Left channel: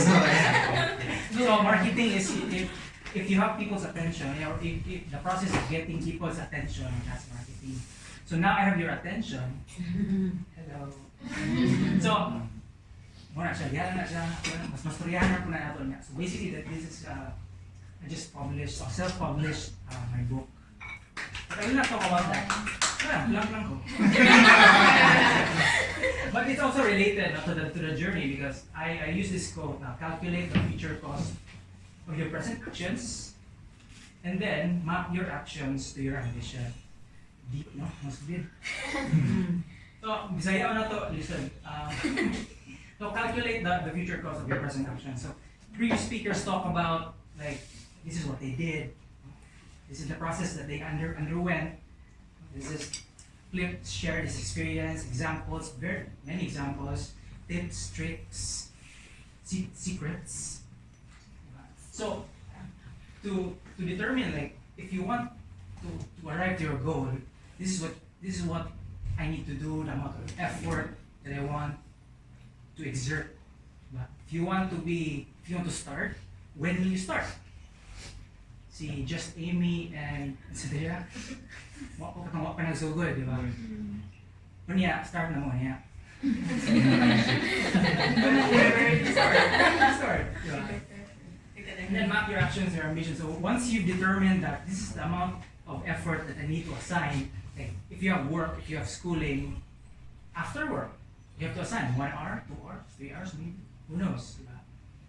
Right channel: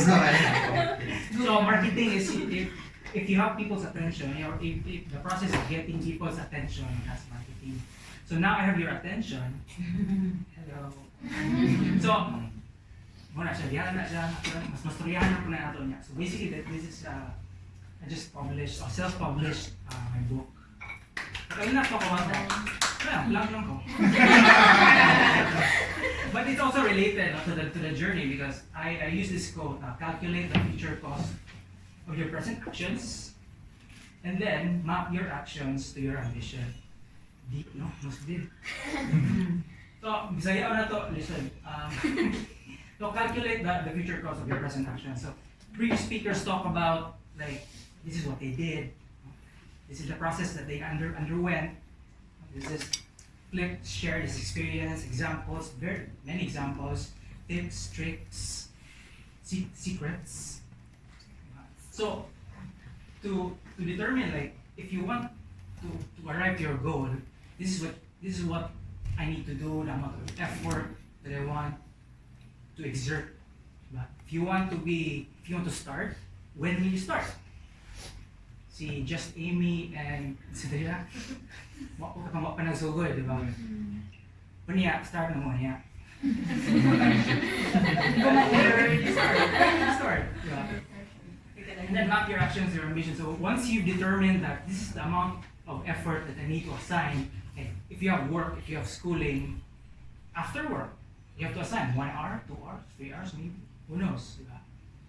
So marketing is if you have people's attention, or if the process of getting people's attention, that's marketing. So now I have your attention. Hello. So, muna siya, diyan na siya, mas mastoryahan na po na ito niya. So basically, this is, I just published, self-published my book. But I will not talk about that. Lang ko. But it's also related to the journey because I use this quote, calculate the future cost of your present actions and then map your actions to your ambition. Deep, no? Most deep. So, Bisaya na to, listen. So, calculate the future cost of your present actions. So, previous speakers talk about, like, this is what they did. This is the process that they underwent. This is Flip, share his experience, examples, very many examples, tips, tricks, secrets. So, to determine, like, if you want to arrive to your goal, this is what I need to do, the amount of effort that I want to exert. But if you want to start, when will you start? Si Just Amy and Sadira, wako ka nagsugod, di ba? Niya, start na mo niya. Start. And then map your actions or ambitions. So once you've determined that this is the amount of effort that I need to assign, like if you have work, if you have schooling, after work, you have to assign 1 hour, 2 hours, 3 hours maybe. Who knows? Diba?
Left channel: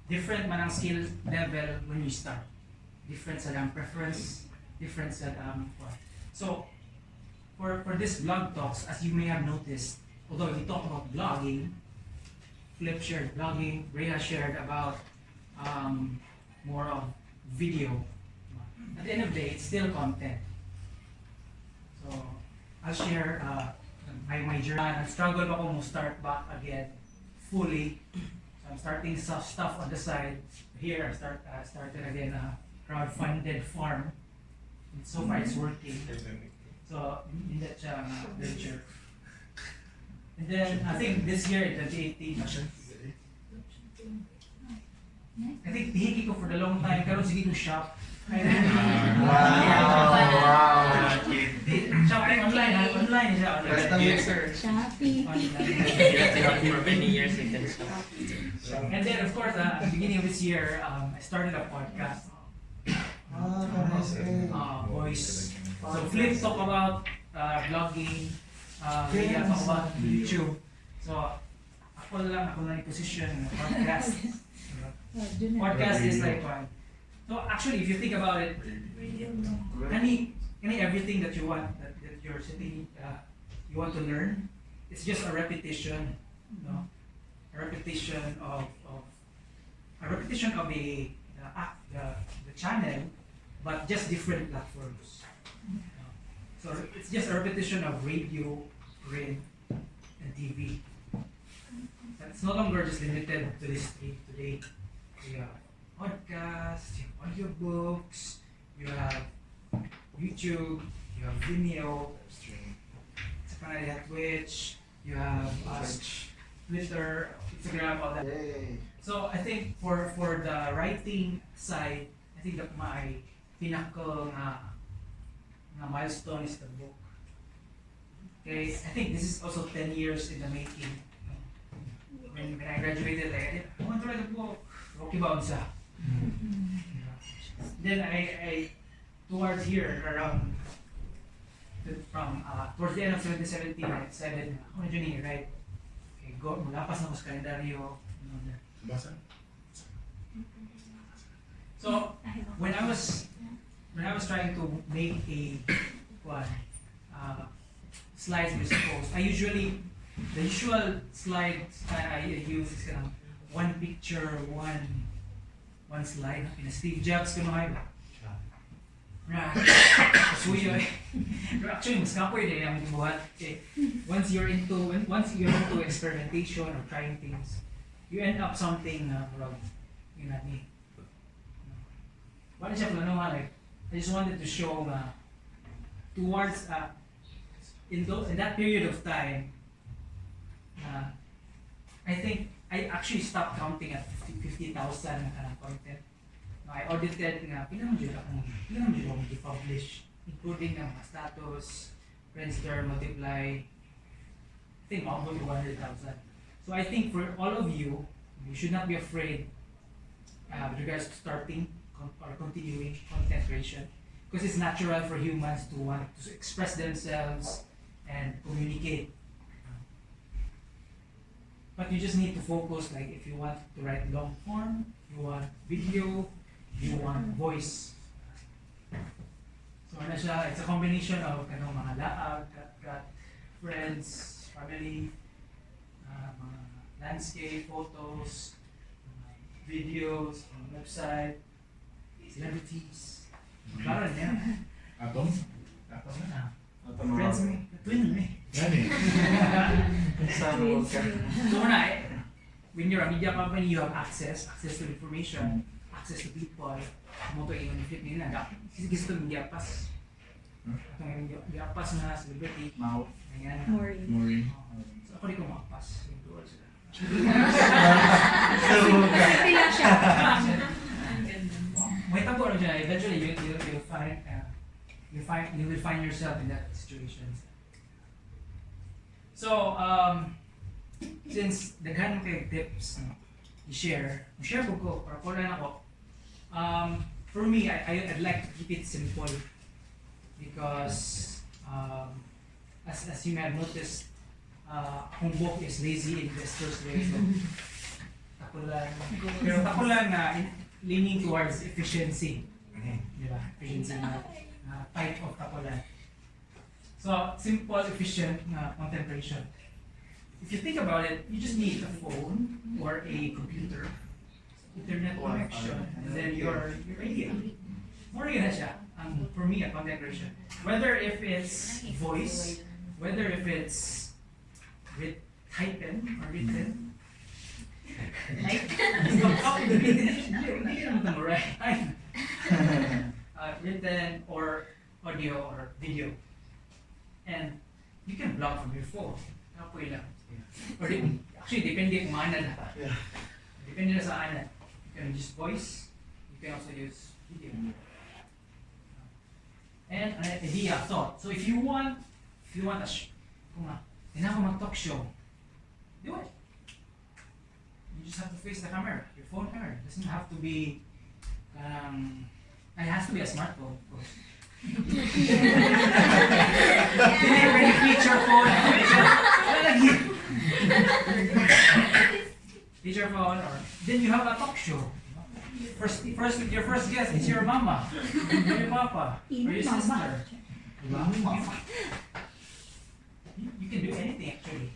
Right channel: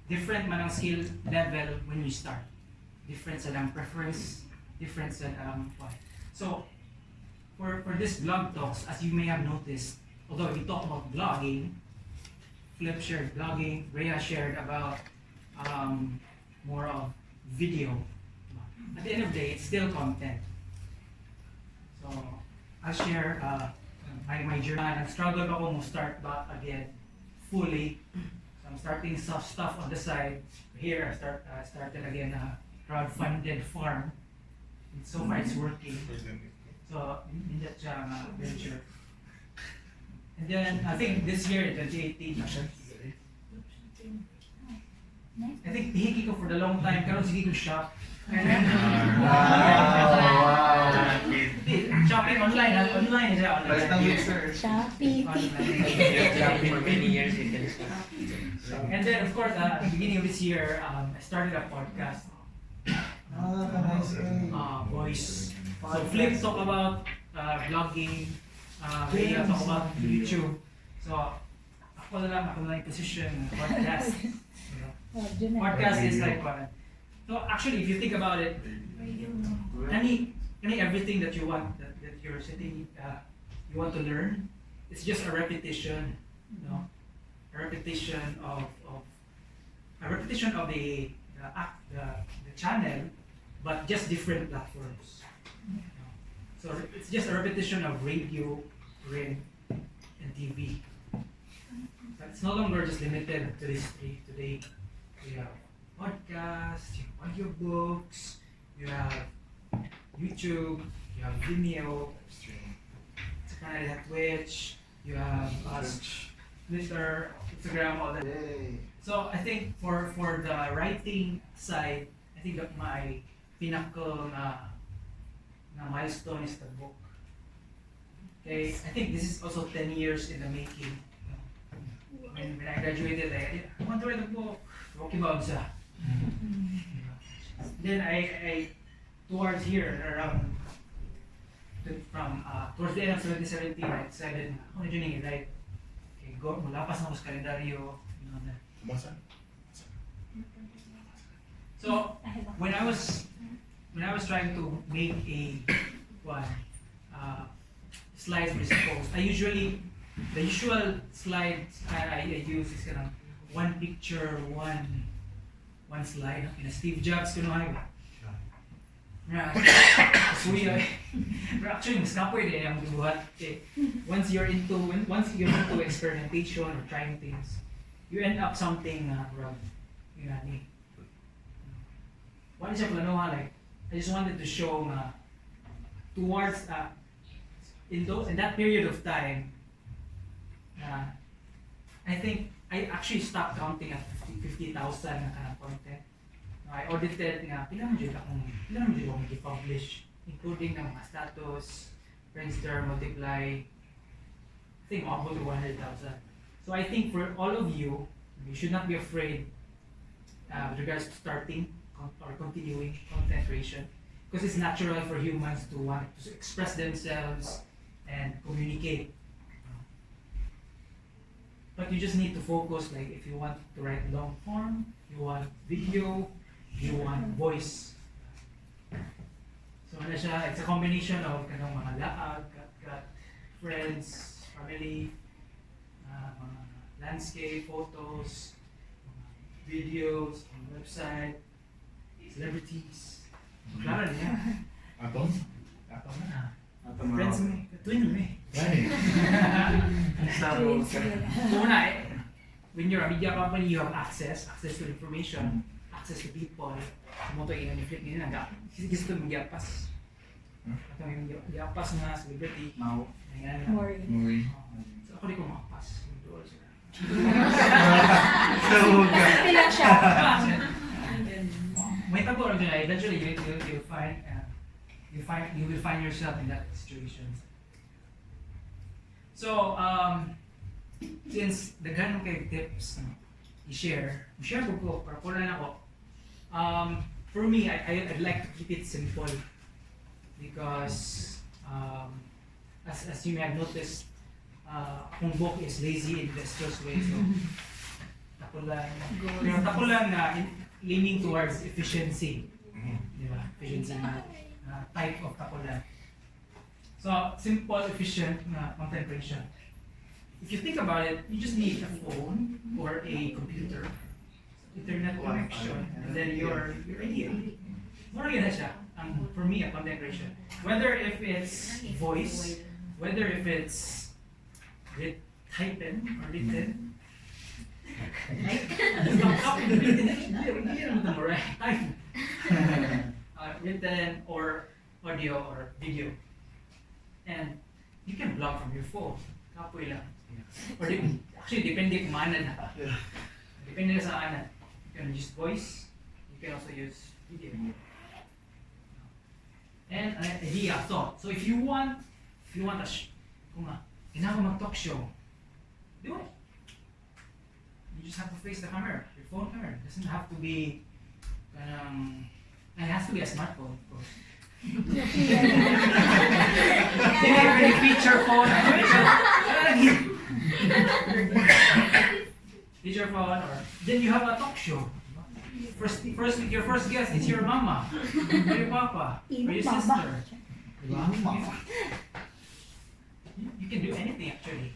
Different man ang skill level when you start. Different sa preference, different sa what. So for this blog talks, as you may have noticed, although we talk about blogging, Flip shared blogging, Rhea shared about more of video. At the end of the day, it's still content. So I'll share my journey. I struggled ako to start back again fully. So I'm starting some stuff on the side. Here I started again a crowdfunded farm. And so far it's working. So in that venture. And then I think this year in 2018, I think hihiki ko for the long time, pero sige ko shop. And then, shopping online, online siya. Shopee. For many years you can stop. And then of course, at the beginning of this year, I started a podcast. Voice. So Flip talk about vlogging, Rhea talk about YouTube. So ako lang position podcast. Podcast is like one. So actually, if you think about it, any everything that you want that you're sitting, you want to learn, it's just a repetition, no? A repetition of the channel, but just different platforms. So it's just a repetition of radio, print, and TV. But it's no longer just limited to this today. You have podcasts, you have audiobooks, you have YouTube, you have Vimeo, you have Twitch, you have Twitter, Instagram, all that. So I think for the writing side, I think that my pinnacle na milestone is the book. Okay, I think this is also 10 years in the making. When I graduated, I want to write a book. Okay ba siya? Then I towards here around towards the end of 2017, I decided na ako na dyan yung write. Okay, go, malapas na ako sa kalendaryo. So when I was trying to make a slides with post, the usual slides I use is kind of one picture, one slide. In a Steve Jobs kuno actually mas kapoy din ang buhat. Once you're into experimentation or trying things, you end up something wrong. You know what I mean? One siya plano like I just wanted to show towards in that period of time, I think I actually stopped counting at 50 50,000 na kanang content. I audited nga, pinamang akong i-publish, including ng mga status, Friendster, Multiply, I think about 100,000. So I think for all of you, you should not be afraid with regards to starting or continuing content creation, because it's natural for humans to want to express themselves and communicate. But you just need to focus, like if you want to write long form, you want video, you want voice. So ano siya, it's a combination of kanong mga laag, got friends, family, mga landscape, photos, videos, website, celebrities. Klaro niya. Atom? Atom na. Friends me, twin me. Gani. So una, when you're a media company, you have access to information, access to people. Mo to i-flip din na gusto mo giapas. Ato may giapas mga celebrity. Mau. Ayan. Mori. So ako di ko maapas. Pilang siya. May tabo rin dyan. Eventually, you will find yourself in that situation. So, since daghan kay tips i-share ko para ko na ako. For me, I'd like to keep it simple because as you may have noticed, akong book is Lazy Investor's Way. So, tako lang leaning towards efficiency. Di ba? Efficiency na type of tapulan. So, simple, efficient na content creation. If you think about it, you just need a phone or a computer, internet connection, and then your idea. More yun na siya. For me, a content creation. Whether if it's voice, whether if it's typen or written, written or audio or video, and you can blog from your phone. Kapoy lang. Or actually, depende kung ano na ta. Depende na sa ano. You can use voice. You can also use video. And an idea, thought. So if you want a kung kailangan mag-talk show, do it. You just have to face the camera, your phone camera. It doesn't have to be, it has to be a smartphone, of course. Really feature phone, feature phone, or then you have a talk show. Your first guest is your mama, or your papa, or your sister. You can do anything actually.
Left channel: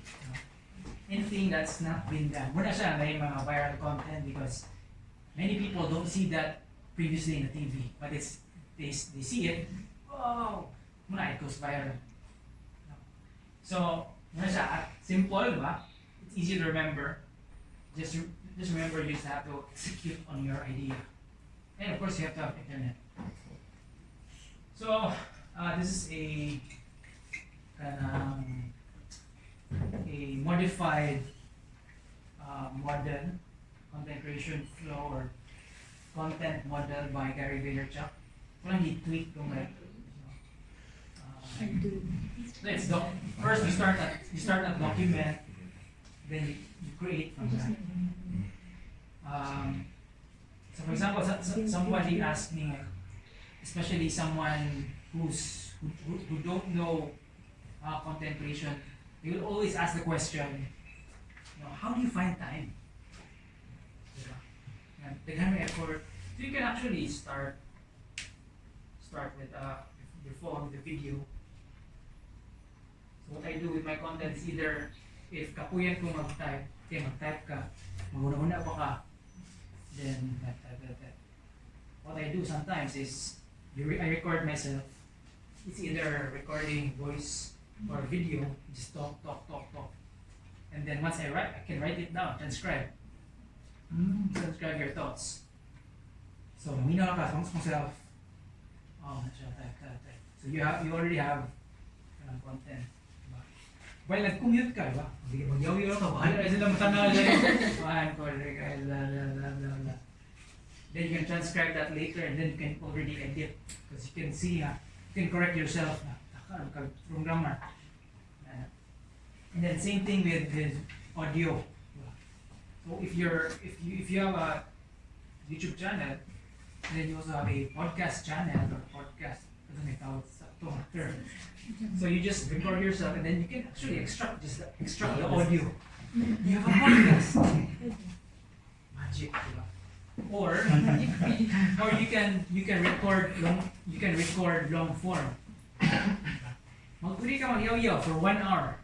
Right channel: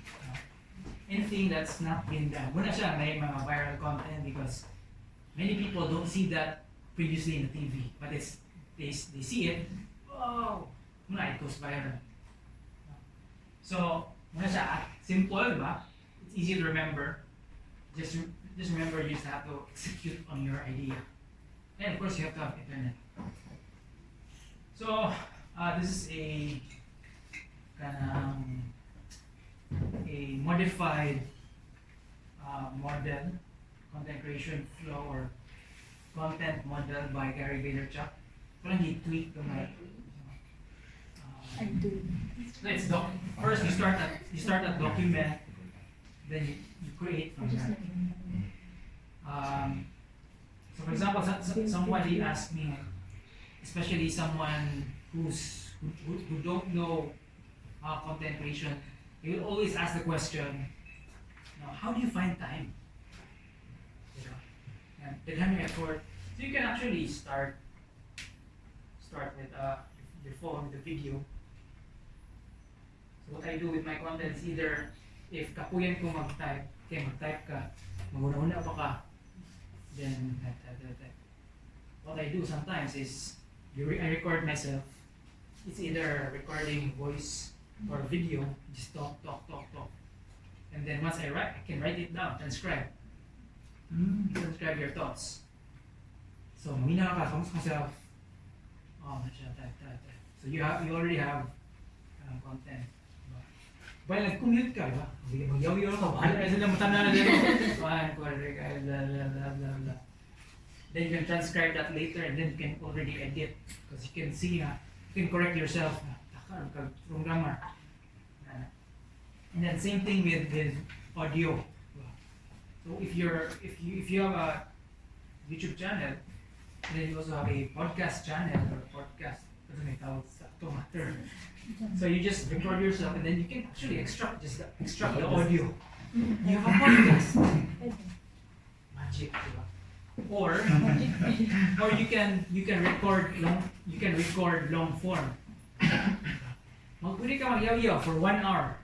Anything that's not been done. Muna siya may mga viral content because many people don't see that previously in the TV, but they see it. Oh, muna it goes viral. So muna siya simple, ba? It's easy to remember. Just remember you just have to execute on your idea, and of course you have to have internet. So this is a modified model, content creation flow or content model by Gary Vaynerchuk. Parang he-tweak yung first you start at document, then you create from that. So for example, somebody asked me, especially someone who don't know content creation, you will always ask the question, how do you find time? And effort. So you can actually start with your phone, with the video. So what I do with my content is either, if kapuyan ko mag-type ka, maguna-una pa ka, then type. What I do sometimes is, I record myself. It's either recording voice or video, just talk. And then once I can write it down, transcribe your thoughts. So, minaw ka, kamus myself. Type. So you already have content. Well, nag-commute ka, ba? Hindi ka mag-yaw-yaw ka, bahala na sila matanda na rin. can transcribe that later and then you can already edit because you can see, you can correct yourself from grammar. And then same thing with audio. So if you have a YouTube channel, then you also have a podcast channel or podcast. So you just record yourself and then you can actually extract the audio. You have a podcast. Magic, diba? Or you can record long form. Pwede ka mag-yaw-yaw for 1 hour.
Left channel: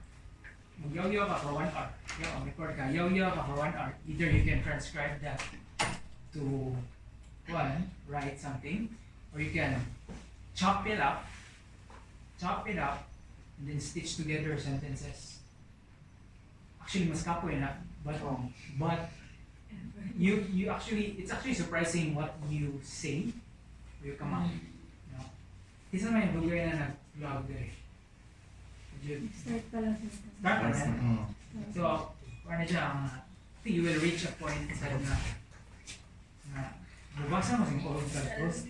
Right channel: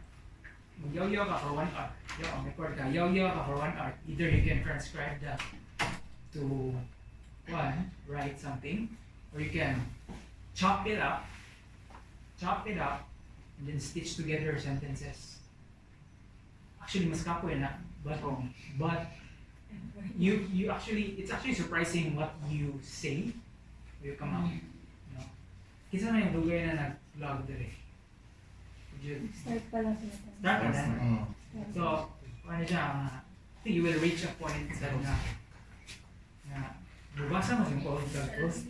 Mag-yaw-yaw ka for 1 hour. Record ka, yaw-yaw ka for 1 hour. Either you can transcribe that to write something, or you can chop it up, and then stitch together sentences. Actually, mas kapoy na, but you actually, it's actually surprising what you say, you come up. No? Kisa may bagay na nag-vlog dire. Start pa lang sila. Start pa lang. So, ano siya, I think you will reach a point na bubasa mo yung old post.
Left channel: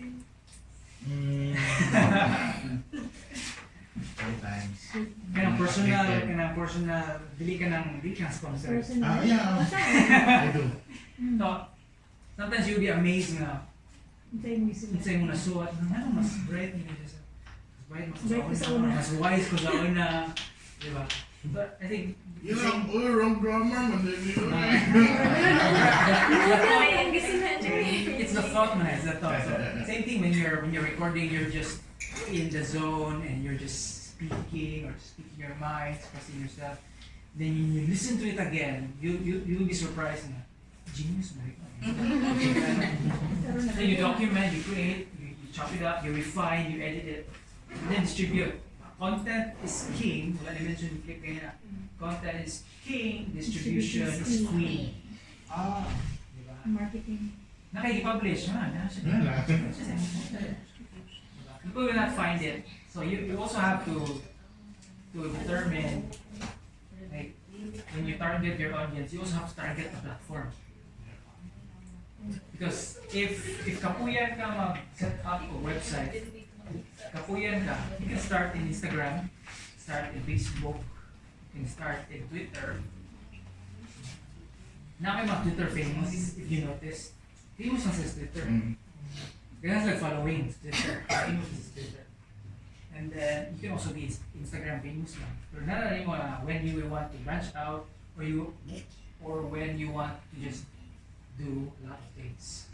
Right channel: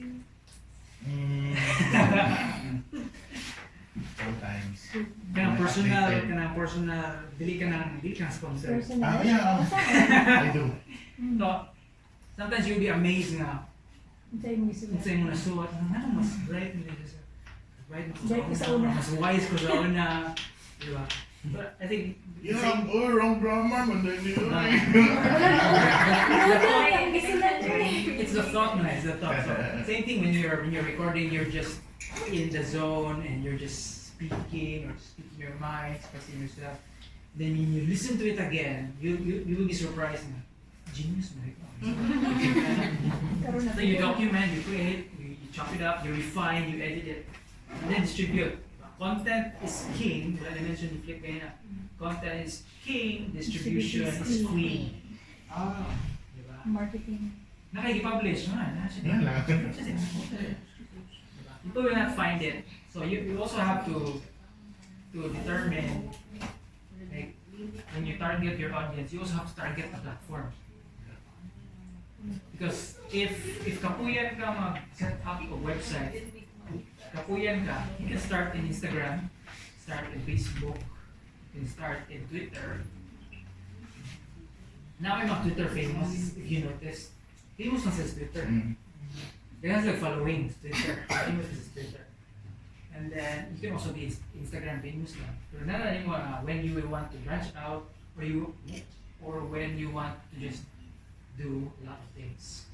Sometimes. Kanang personal, dili ka ng sponsor. Personal. Yeah. I do. No, sometimes you'll be amazed na Hintay mo isulat. unsay mo nasuot, mas bright mo nito. Bright mo sa una, mas wise ko sa una. Diba? But I think Yeah, wrong grammar man din yun. it's the thought, man. It's the thought. So, same thing when you're recording, you're just in the zone and you're just speaking your mind, expressing yourself. Then when you listen to it again, you will be surprised. Genius, man. So you document, you create, you chop it up, you refine, you edit it, and then distribute. Content is king. Wala na mention ni Flip kaya na. Content is king, distribution is queen. Diba? Marketing. Nakikippublish, People will not find it. So you also have to determine, like, when you target your audience, you also have to target the platform. Because if kapuyan ka mag-set up a website, kapuyan ka, you can start in Instagram, start in Facebook, you can start in Twitter. Now I'm not Twitter famous, if you notice. Famous na sa Twitter. It has like following Twitter. Famous is Twitter. And then you can also be Instagram famous now. Pero nalalim mo when you want to branch out, or when you want to just do a lot of things.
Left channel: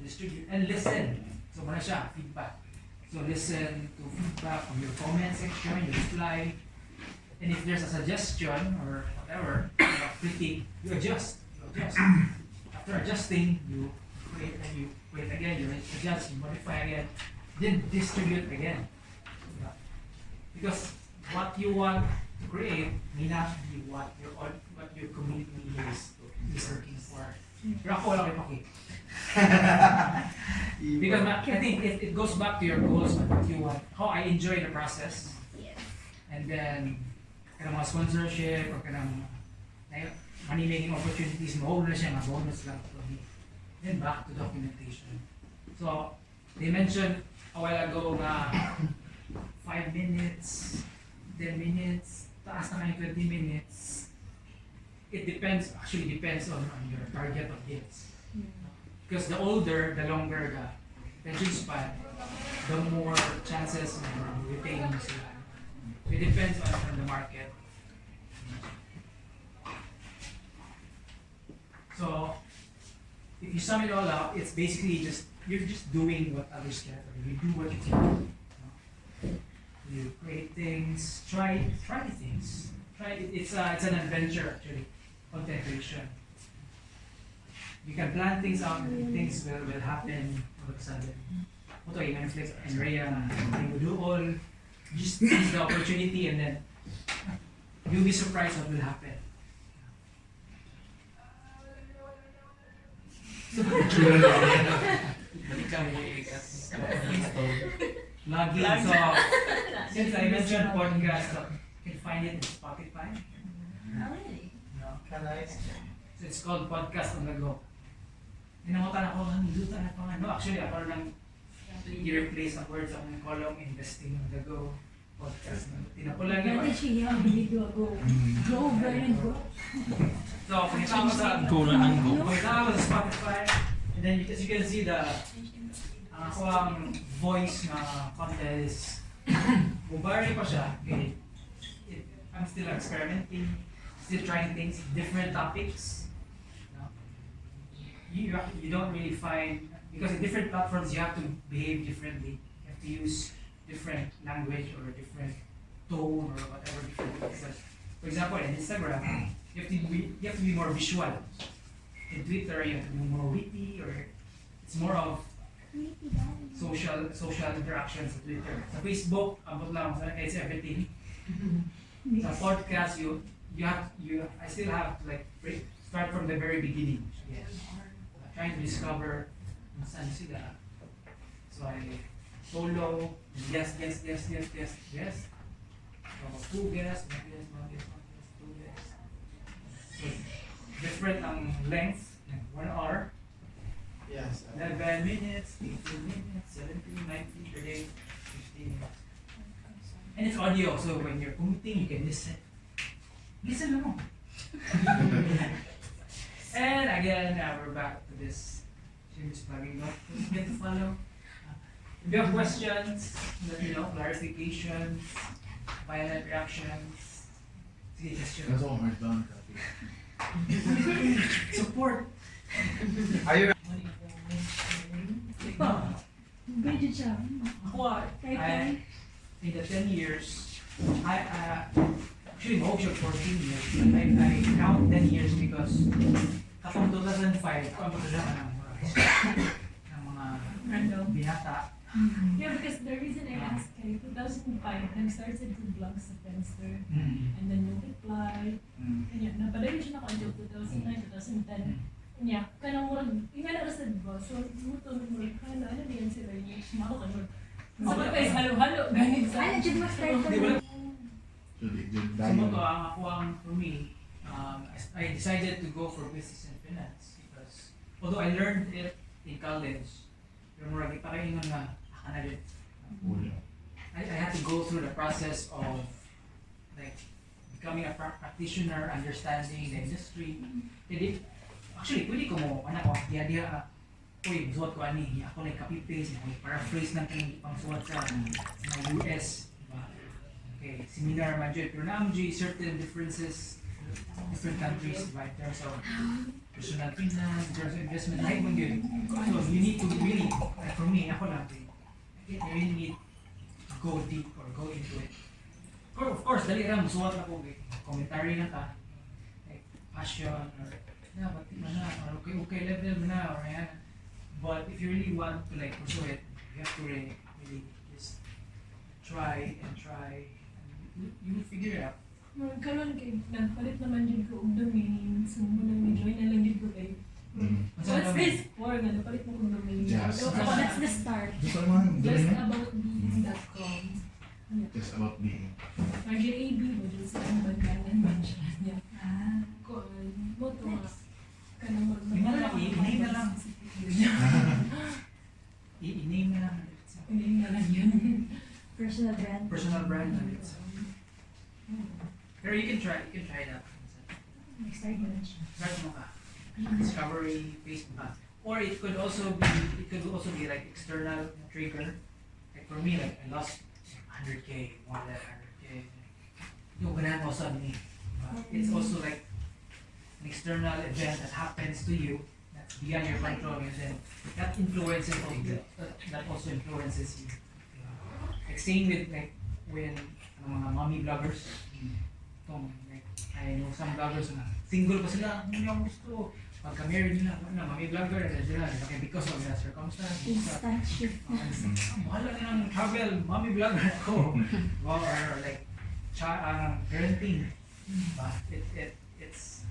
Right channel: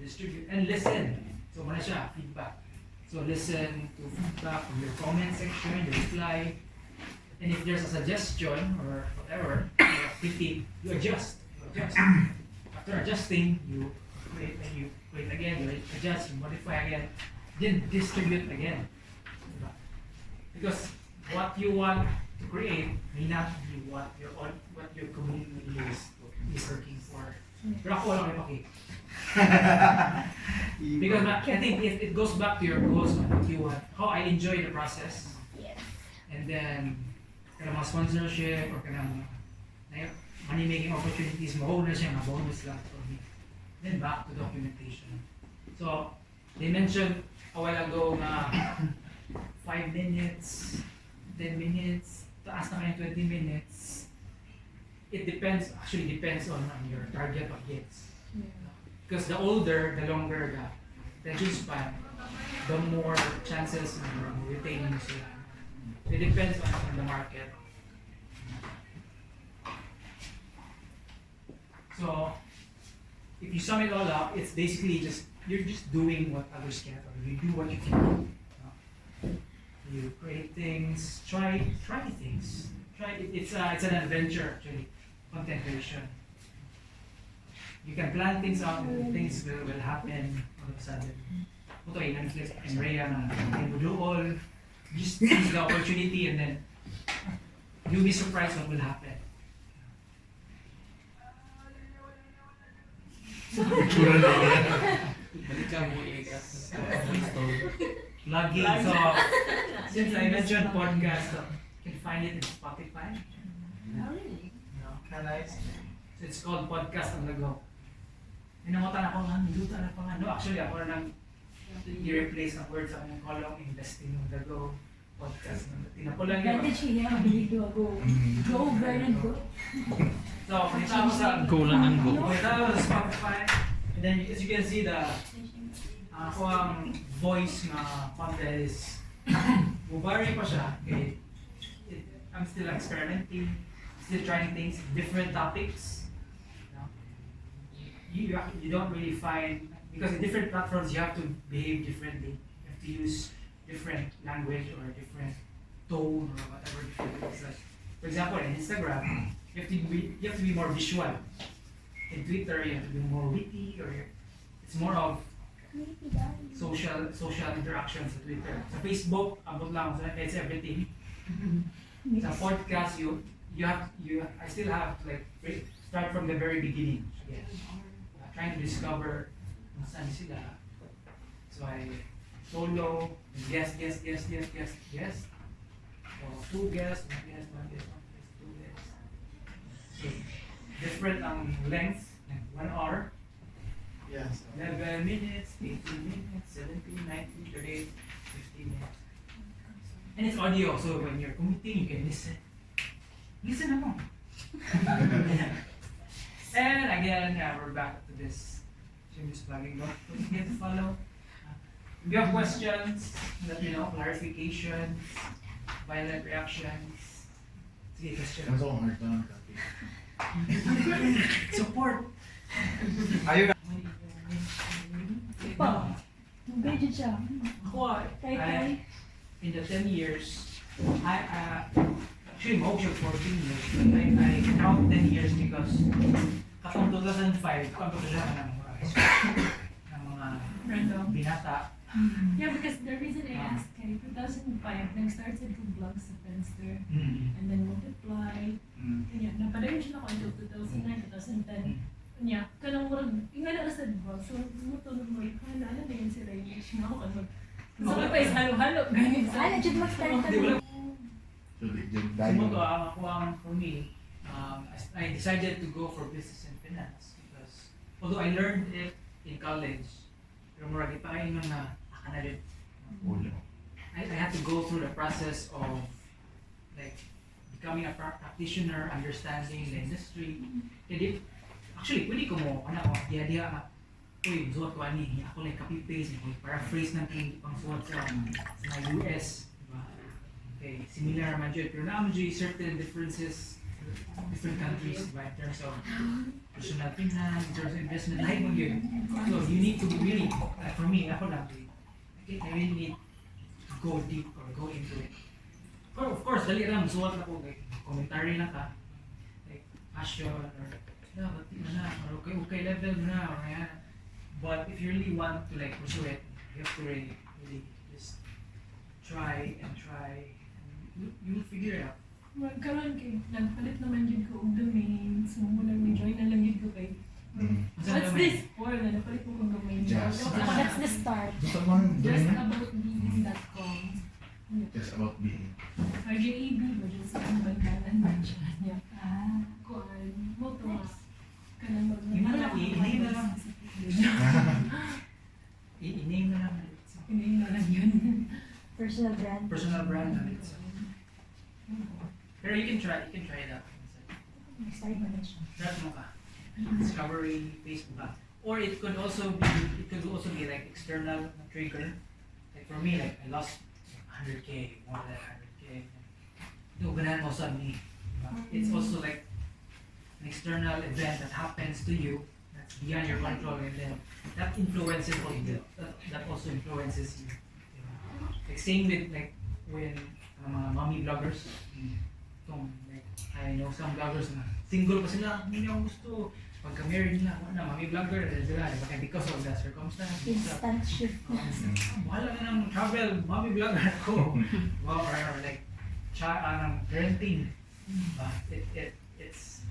Distribute and listen. So muna siya, feedback. So listen to feedback from your comment section, your reply. And if there's a suggestion or whatever, critique, you adjust. After adjusting, you create and you create again, you adjust, you modify again, then distribute again. Because what you want to create may not be what your community is looking for. Pero ako lang ipakita. Because I think it goes back to your goals, what you want, how I enjoy the process. Yes. And then, kanang mga sponsorship or kanang money making opportunities, mahuli na siya, bonus lang for me. Then back to documentation. So, they mentioned a while ago na 5 minutes, 10 minutes, taas na kayo 20 minutes. It depends on your target audience. Because the older, the longer the attention span, the more chances of retaining sila. It depends on the market. So, if you sum it all up, it's basically you're just doing what others can't, or you do what you can. You create things, try things. It's an adventure actually, content creation. You can plan things out and things will happen all of a sudden. Ito yung Netflix and Rhea na do all. Just seize the opportunity and then you'll be surprised what will happen. Lagi. So, since I mentioned podcast, you can find it in Spotify. Oh, really? No. So it's called Podcast on the Go. Pinamutan ako, duta na pa. No, actually, ako lang i-replace ang words sa akong column, investing ng dago, podcast. Tinapulan yun. Ganda siya, abilido ako. Go, Vernon, go. So, kita ako sa Go lang ang go. kita ako sa Spotify. And then, as you can see, ako ang voice na content is mubari pa siya. I'm still experimenting, still trying things, different topics. You don't really find, because in different platforms you have to behave differently. You have to use different language or different tone or whatever. Different. For example, in Instagram, you have to be more visual. In Twitter, you have to be more witty, or it's more of social interactions sa Twitter. Sa Facebook, abot lang, it's everything. Sa podcast, I still have to like start from the very beginning. Yes. Trying to discover saan sila. So I solo, guest. So 2 guests, 1 guest, 2 guests. So different length, 1 hour. Yes. 11 minutes, 18 minutes, 17, 19, 38, 15 minutes. And it's audio, so when you're commuting, you can listen. Listen mo. And again, we're back to this shameless plugging. Don't forget to follow. If you have questions, let me know, clarifications, violent reactions. Sige, questions. Kaso hard down copy. Support. Ayun. Engaged siya. Ako, Kaya in the 10 years, actually, most of 14 years, but I count 10 years because katong 2005, kung siya ng mga Random. binata. Yeah, because the reason I asked, kay 2005, nag-started yung vlog sa Friendster. Mm. And then multiply. Kanya, napadayon siya na ko until 2009, 2010. Kanya, kanang murag, yung nga nakasad ba? So, muto na murag, ano na yun sila yung age mo ako kanod. Sa mga pa is halo-halo, ganyan sa... Ano, dyan mag-start ka Di wala. So the Sumoto ako for me, I decided to go for business and finance because although I learned it in college, pero murag pa kayo nung na yun. I had to go through the process of like becoming a practitioner, understanding the industry. Kaya actually, pwede ko mo, diya ka, uy, suot ko ani, ako like copy-paste, paraphrase ng pang suot sa mga US. Diba? Okay, similar man dyan, pero naman dyan certain differences different countries diba, in terms of personal finance, in terms of investment, lahat mo yun. So you need to really, for me, ako lang, I really need to go deep or go into it. Or of course, dali lang, suot na ko, like, commentary lang ka, like passion, or yeah, bati na or okay level na, or yan. But if you really want to like pursue it, you have to really just try, and you will figure it out. Karon kay nagpalit naman yun ko og domain, so muna ni-join na lang yun ko kay. What's this for? Nagpalit mo kong domain. Just. So that's the start. Justaboutbeing.com. Just about being. RJAB mo dyan sa ang bankanan ba siya. Kuan, mo to kanang I-name na lang. I-name na lang. I-name na lang yun. Personal brand. Personal brand na rin. Pero you can try it out. Nag-start mo na siya. Start mo ka. Discovery, Facebook ka. Or it could also be like external trigger. Like for me, like I lost 100K, more than 100K. Ganahan mo sa me. It's also like an external event that happens to you that's beyond your control, and then that influences you. That also influences you. Like same with like when mga mommy vloggers. Like I know some vloggers na single pa sila, hindi ako gusto. Pagka-married na, mommy vlogger, because of the circumstance. Instant shift. Bahala na ng travel, mommy vlogger ako. Or like, parenting. But it's,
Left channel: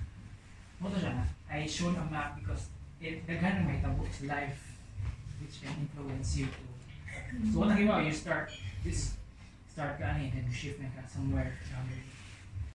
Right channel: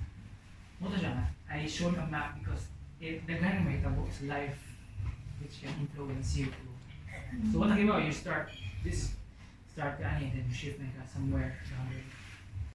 moto siya na, I showed a map because daghan may tabok sa life which can influence you too. So what you start ka and then shift na ka somewhere down there.